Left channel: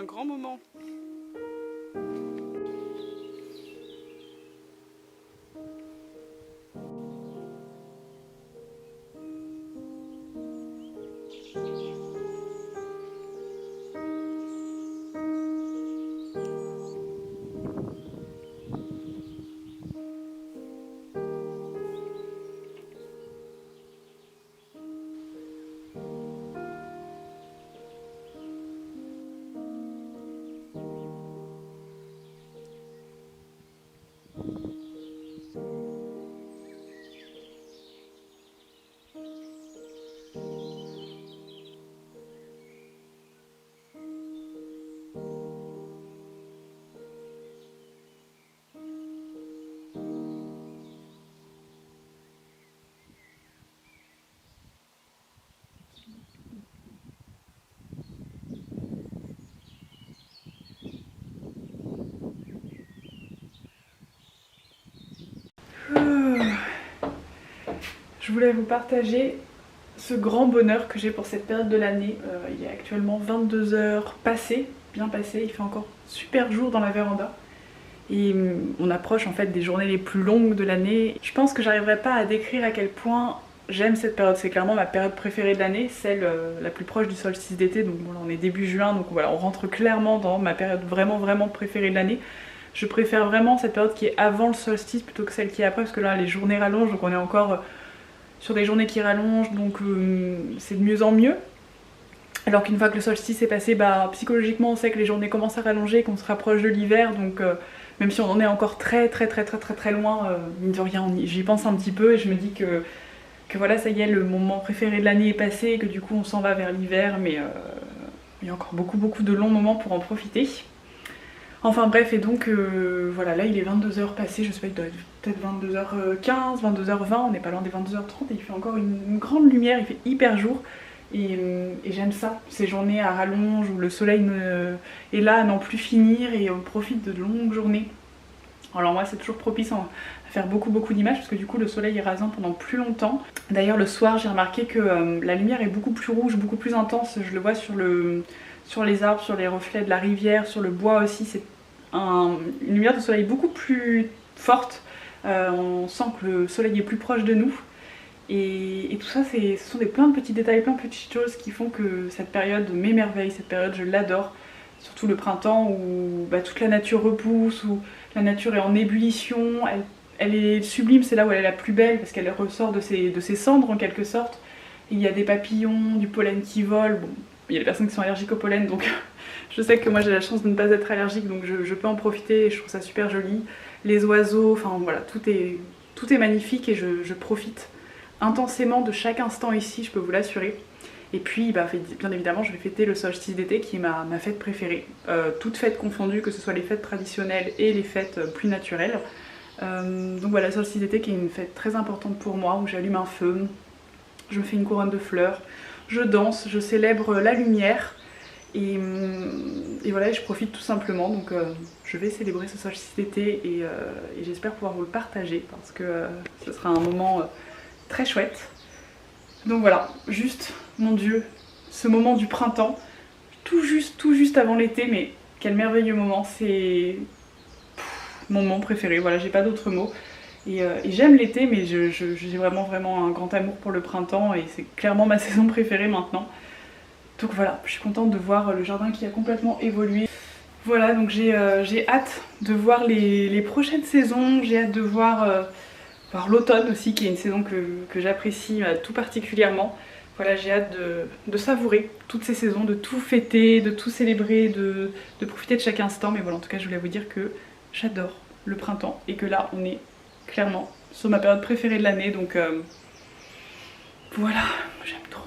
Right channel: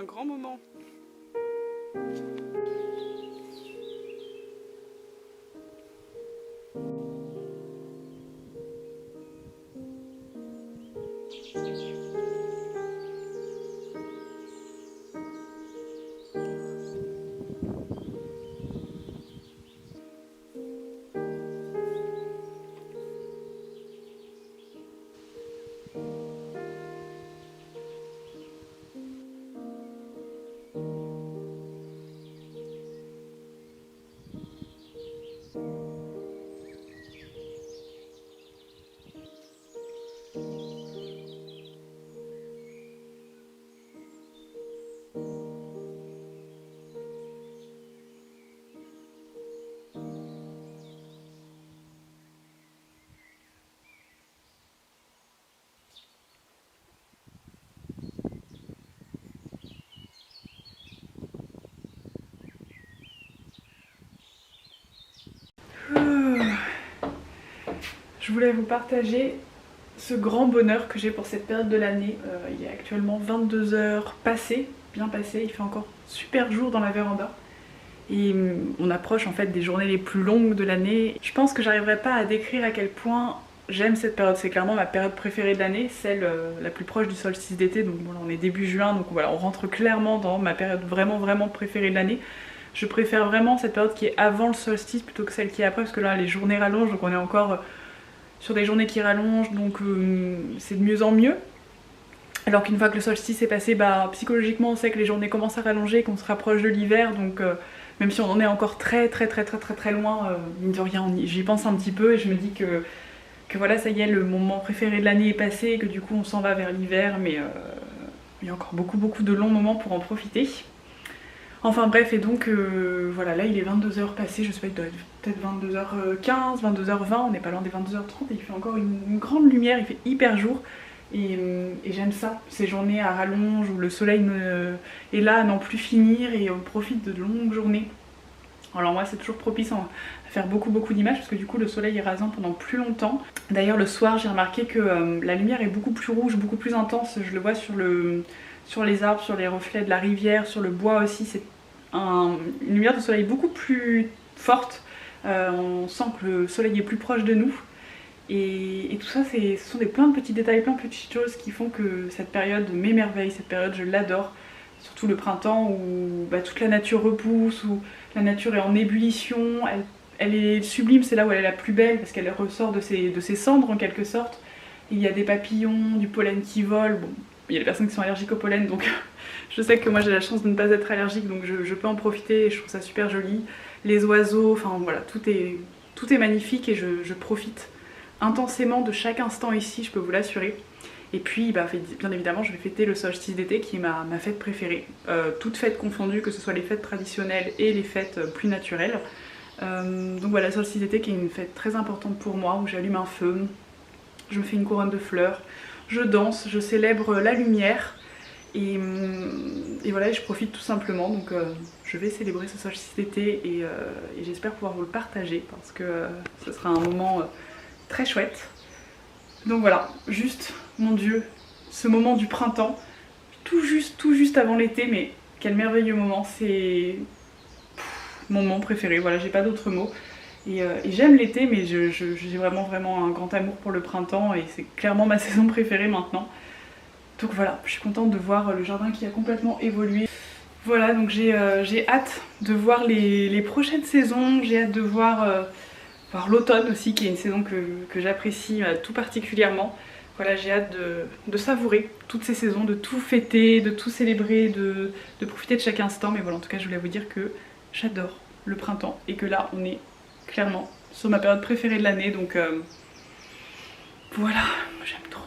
un grand moment. Je voulais vous partager ce grand bonheur que j'ai pour cette période de l'année. Il est actuellement 22 heures passées, bien passées, il fait encore super jour dans la véranda. Et on approche en fait des journées les plus longues de l'année. Je pense que j'arriverai pas à décrire à quel point j'aime cette période. C'est clairement ma période préférée de l'année, celle la plus proche du solstice d'été. Donc bon, là, on est début juin, donc voilà, on rentre clairement dans ma période vraiment préférée de l'année. Je préfère vraiment cette période qui est avant le solstice plutôt que celle qui est après, parce que là les journées rallongent, donc on est encore sur des journées qui rallongent, donc c'est de mieux en mieux. Alors qu'une fois que le solstice est passé, bah, psychologiquement on sait que les journées commencent à rallonger, qu'on se rapproche de l'hiver, donc même si on en est encore très loin, mine de rien, j'y pense un petit peu et je me dis que voilà, ça y est, le moment préféré de l'année est passé, et que du coup on s'en va vers l'hiver, mais il y a encore beaucoup de longs moments pour en profiter. Enfin bref, et donc voilà, là il est 22h passé, je sais pas, il doit être peut-être 22h15, 22h20, on n'est pas loin des 22h30 et il fait encore une grande lumière, il fait hyper jour. Et j'aime ça, ces journées à rallonge où le soleil est là à n'en plus finir et on profite de longues journées. Alors moi c'est toujours propice à faire beaucoup d'images parce que du coup le soleil est rasant pendant plus longtemps. D'ailleurs le soir j'ai remarqué que la lumière est beaucoup plus rouge, beaucoup plus intense, je le vois sur les arbres, sur les reflets de la rivière, sur le bois aussi, c'est une lumière de soleil beaucoup plus forte. On sent que le soleil est plus proche de nous. Et tout ça, ce sont plein de petits détails, plein de petites choses qui font que cette période m'émerveille, cette période je l'adore. Surtout le printemps où bah, toute la nature repousse, où la nature est en ébullition, elle est sublime, c'est là où elle est la plus belle parce qu'elle ressort de ses cendres en quelque sorte. Et il y a des papillons, du pollen qui vole. Bon, il y a des personnes qui sont allergiques au pollen, donc je sais que moi j'ai la chance de ne pas être allergique, donc je peux en profiter et je trouve ça super joli. Les oiseaux, enfin voilà, tout est magnifique et je profite intensément de chaque instant ici, je peux vous l'assurer. Et puis bah, bien évidemment je vais fêter le solstice d'été qui est ma fête préférée, toutes fêtes confondues, que ce soit les fêtes traditionnelles et les fêtes plus naturelles. Donc voilà, le solstice d'été qui est une fête très importante pour moi, où j'allume un feu, je me fais une couronne de fleurs, je danse, je célèbre la lumière et voilà, je profite tout simplement. Donc je vais célébrer ce solstice d'été et j'espère pouvoir vous le partager parce que ce sera un moment très chouette. Donc voilà, juste, mon Dieu, ce moment du printemps, tout juste avant l'été, mais quel merveilleux moment, c'est mon moment préféré, voilà, j'ai pas d'autres mots. Et j'aime l'été, mais j'ai vraiment un grand amour pour le printemps et c'est clairement ma saison préférée maintenant. Donc voilà, je suis contente de voir le jardin qui a complètement évolué. Voilà, donc j'ai hâte de voir les prochaines saisons, j'ai hâte de voir l'automne aussi, qui est une saison que j'apprécie tout particulièrement. Voilà, j'ai hâte de savourer toutes ces saisons, de tout fêter, de tout célébrer, de profiter de chaque instant. Mais voilà, en tout cas, je voulais vous dire que j'adore le printemps et que là, on est clairement sur ma période préférée de l'année. Donc voilà, j'aime trop.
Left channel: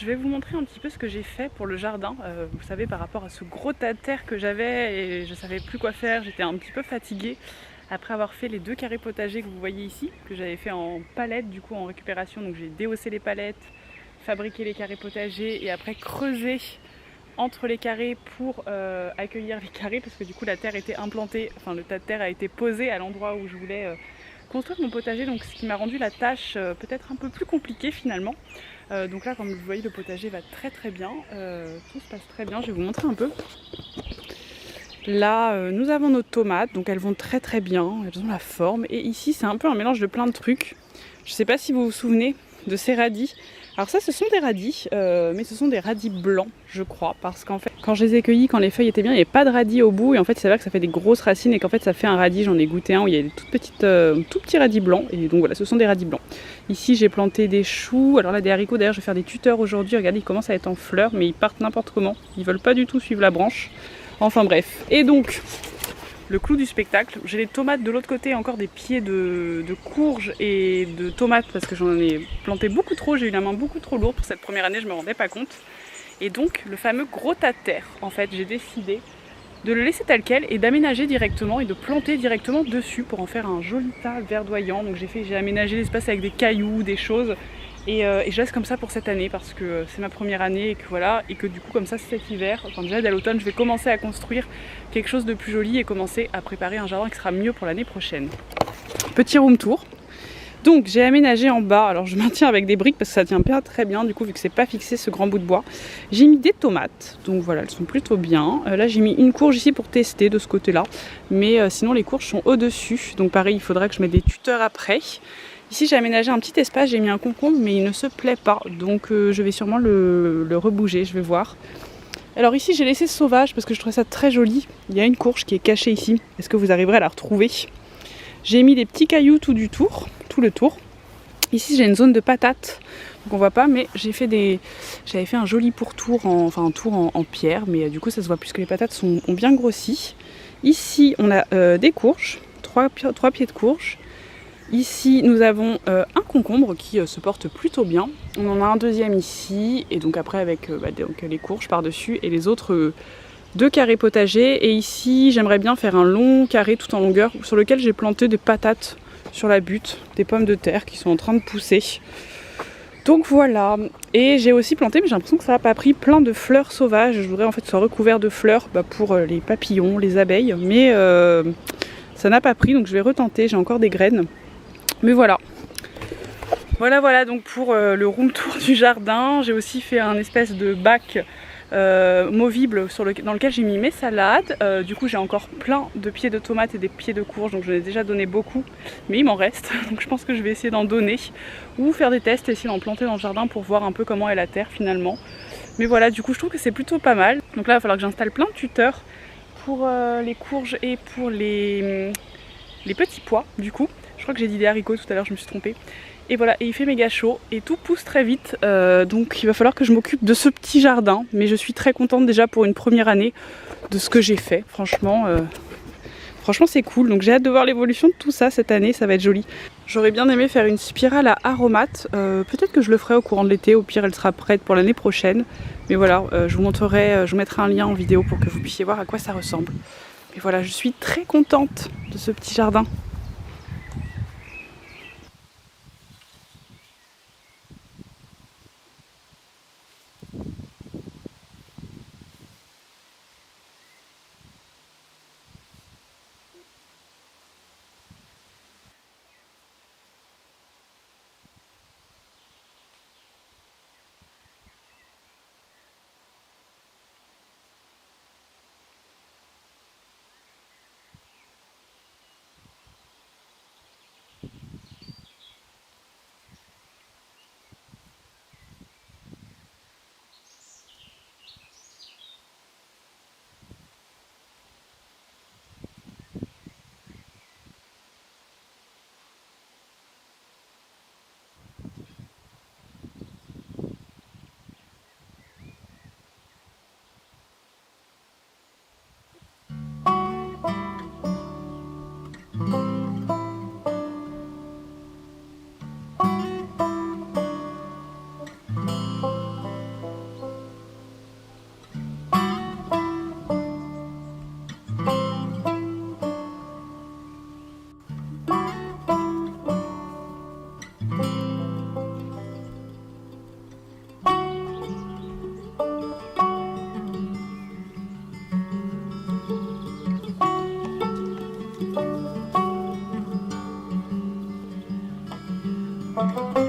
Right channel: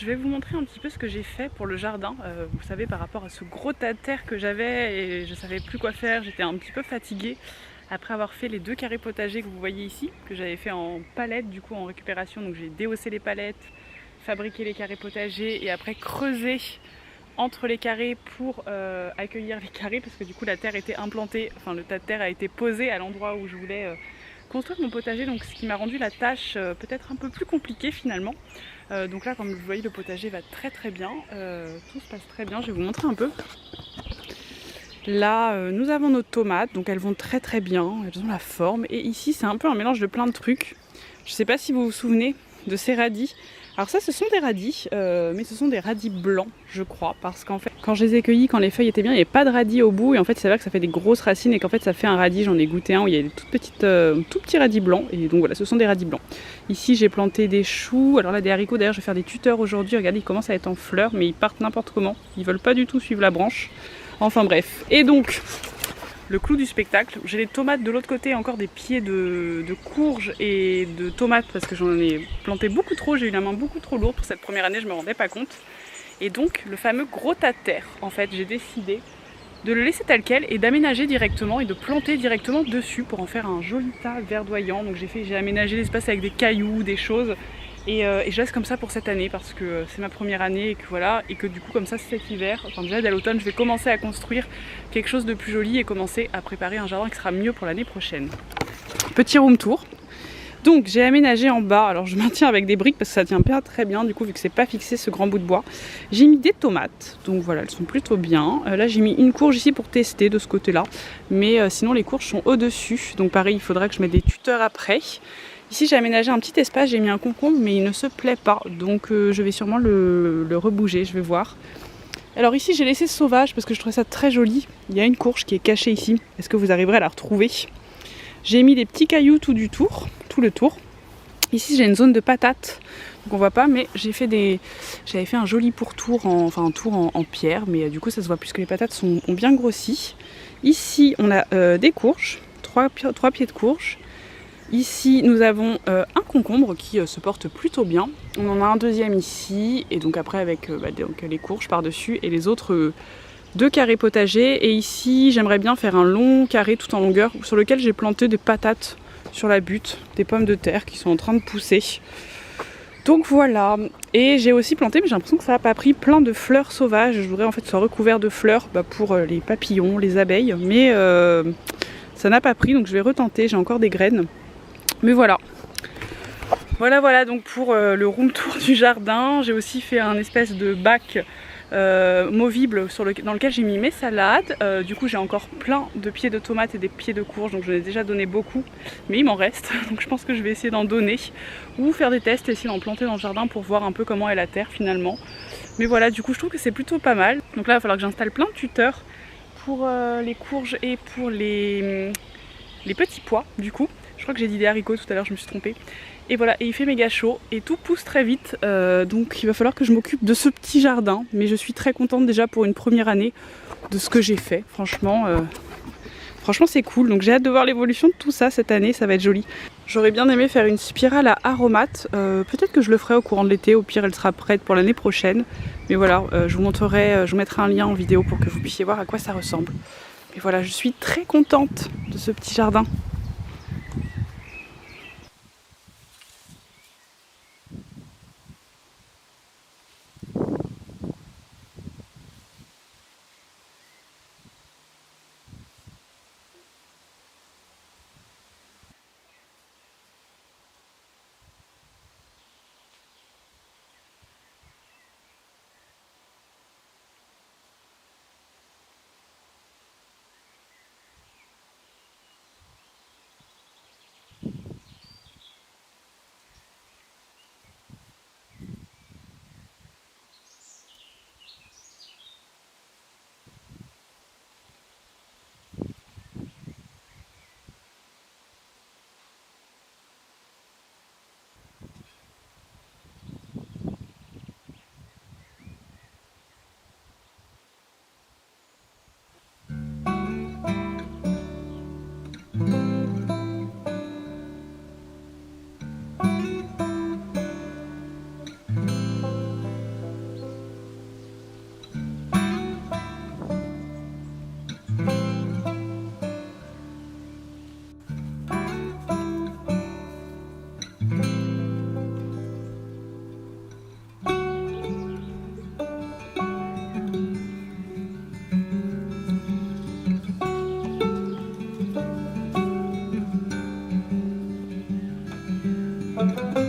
je vais vous montrer un petit peu ce que j'ai fait pour le jardin. Vous savez, par rapport à ce gros tas de terre que j'avais et je savais plus quoi faire, j'étais un petit peu fatiguée après avoir fait les 2 carrés potagers que vous voyez ici, que j'avais fait en palettes du coup en récupération. Donc j'ai déhaussé les palettes, fabriqué les carrés potagers et après creusé entre les carrés pour accueillir les carrés parce que du coup la terre était implantée, enfin le tas de terre a été posé à l'endroit où je voulais construire mon potager, donc ce qui m'a rendu la tâche peut-être un peu plus compliquée finalement. Donc là, comme vous voyez, le potager va très très bien, tout se passe très bien. Je vais vous montrer un peu. Là, nous avons nos tomates, donc elles vont très très bien, elles ont la forme. Et ici, c'est un peu un mélange de plein de trucs. Je ne sais pas si vous vous souvenez de ces radis. Alors ça, ce sont des radis, mais ce sont des radis blancs, je crois, parce qu'en fait, quand je les ai cueillis, quand les feuilles étaient bien, il n'y avait pas de radis au bout, et en fait, il s'avère que ça fait des grosses racines, et qu'en fait, ça fait un radis. J'en ai goûté un où il y a des tout petits radis blancs, et donc voilà, ce sont des radis blancs. Ici, j'ai planté des choux, alors là, des haricots. D'ailleurs, je vais faire des tuteurs aujourd'hui. Regardez, ils commencent à être en fleurs, mais ils partent n'importe comment. Ils veulent pas du tout suivre la branche. Enfin bref. Et donc, le clou du spectacle, j'ai les tomates de l'autre côté, encore des pieds de courges et de tomates parce que j'en ai planté beaucoup trop, j'ai eu la main beaucoup trop lourde pour cette première année, je me rendais pas compte. Et donc le fameux gros tas de terre, en fait j'ai décidé de le laisser tel quel et d'aménager directement et de planter directement dessus pour en faire un joli tas verdoyant. Donc j'ai aménagé l'espace avec des cailloux, des choses. Et je laisse comme ça pour cette année parce que c'est ma première année et que voilà, et que du coup comme ça cet hiver, enfin déjà dès l'automne, je vais commencer à construire quelque chose de plus joli et commencer à préparer un jardin qui sera mieux pour l'année prochaine. Petit room tour. Donc j'ai aménagé en bas, alors je maintiens avec des briques parce que ça tient pas très bien du coup vu que c'est pas fixé ce grand bout de bois. J'ai mis des tomates, donc voilà, elles sont plutôt bien. Là j'ai mis une courge ici pour tester de ce côté-là, mais sinon les courges sont au-dessus, donc pareil il faudra que je mette des tuteurs après. Ici j'ai aménagé un petit espace, j'ai mis un concombre mais il ne se plaît pas, donc je vais sûrement le rebouger, je vais voir. Alors ici j'ai laissé sauvage parce que je trouvais ça très joli. Il y a une courge qui est cachée ici, est-ce que vous arriverez à la retrouver? J'ai mis des petits cailloux tout le tour. Ici j'ai une zone de patates, donc on voit pas, mais j'avais fait un joli pourtour, un tour en pierre, mais du coup ça se voit puisque les patates ont bien grossi. Ici on a des courges, 3 pieds de courge. Ici nous avons un concombre qui se porte plutôt bien. On en a un deuxième ici, et donc après avec donc, les courges par-dessus et les autres 2 carrés potagers. Et ici j'aimerais bien faire un long carré tout en longueur sur lequel j'ai planté des patates sur la butte, des pommes de terre qui sont en train de pousser. Donc voilà, et j'ai aussi planté, mais j'ai l'impression que ça n'a pas pris, plein de fleurs sauvages. Je voudrais en fait que ce soit recouvert de fleurs pour les papillons, les abeilles, mais ça n'a pas pris, donc je vais retenter, j'ai encore des graines. Mais voilà. Voilà donc pour le room tour du jardin. J'ai aussi fait un espèce de bac movible dans lequel j'ai mis mes salades. Du coup j'ai encore plein de pieds de tomates et des pieds de courge, donc j'en ai déjà donné beaucoup, mais il m'en reste, donc je pense que je vais essayer d'en donner ou faire des tests et essayer d'en planter dans le jardin pour voir un peu comment est la terre finalement. Mais voilà, du coup je trouve que c'est plutôt pas mal. Donc là il va falloir que j'installe plein de tuteurs pour les courges et pour les petits pois du coup. Je crois que j'ai dit des haricots tout à l'heure, je me suis trompée. Et voilà, et il fait méga chaud et tout pousse très vite, donc il va falloir que je m'occupe de ce petit jardin. Mais je suis très contente déjà pour une première année de ce que j'ai fait. Franchement c'est cool, donc j'ai hâte de voir l'évolution de tout ça cette année, ça va être joli. J'aurais bien aimé faire une spirale à aromates, peut-être que je le ferai au courant de l'été, au pire elle sera prête pour l'année prochaine. Mais voilà, je vous mettrai un lien en vidéo pour que vous puissiez voir à quoi ça ressemble. Mais voilà, je suis très contente de ce petit jardin. Bye.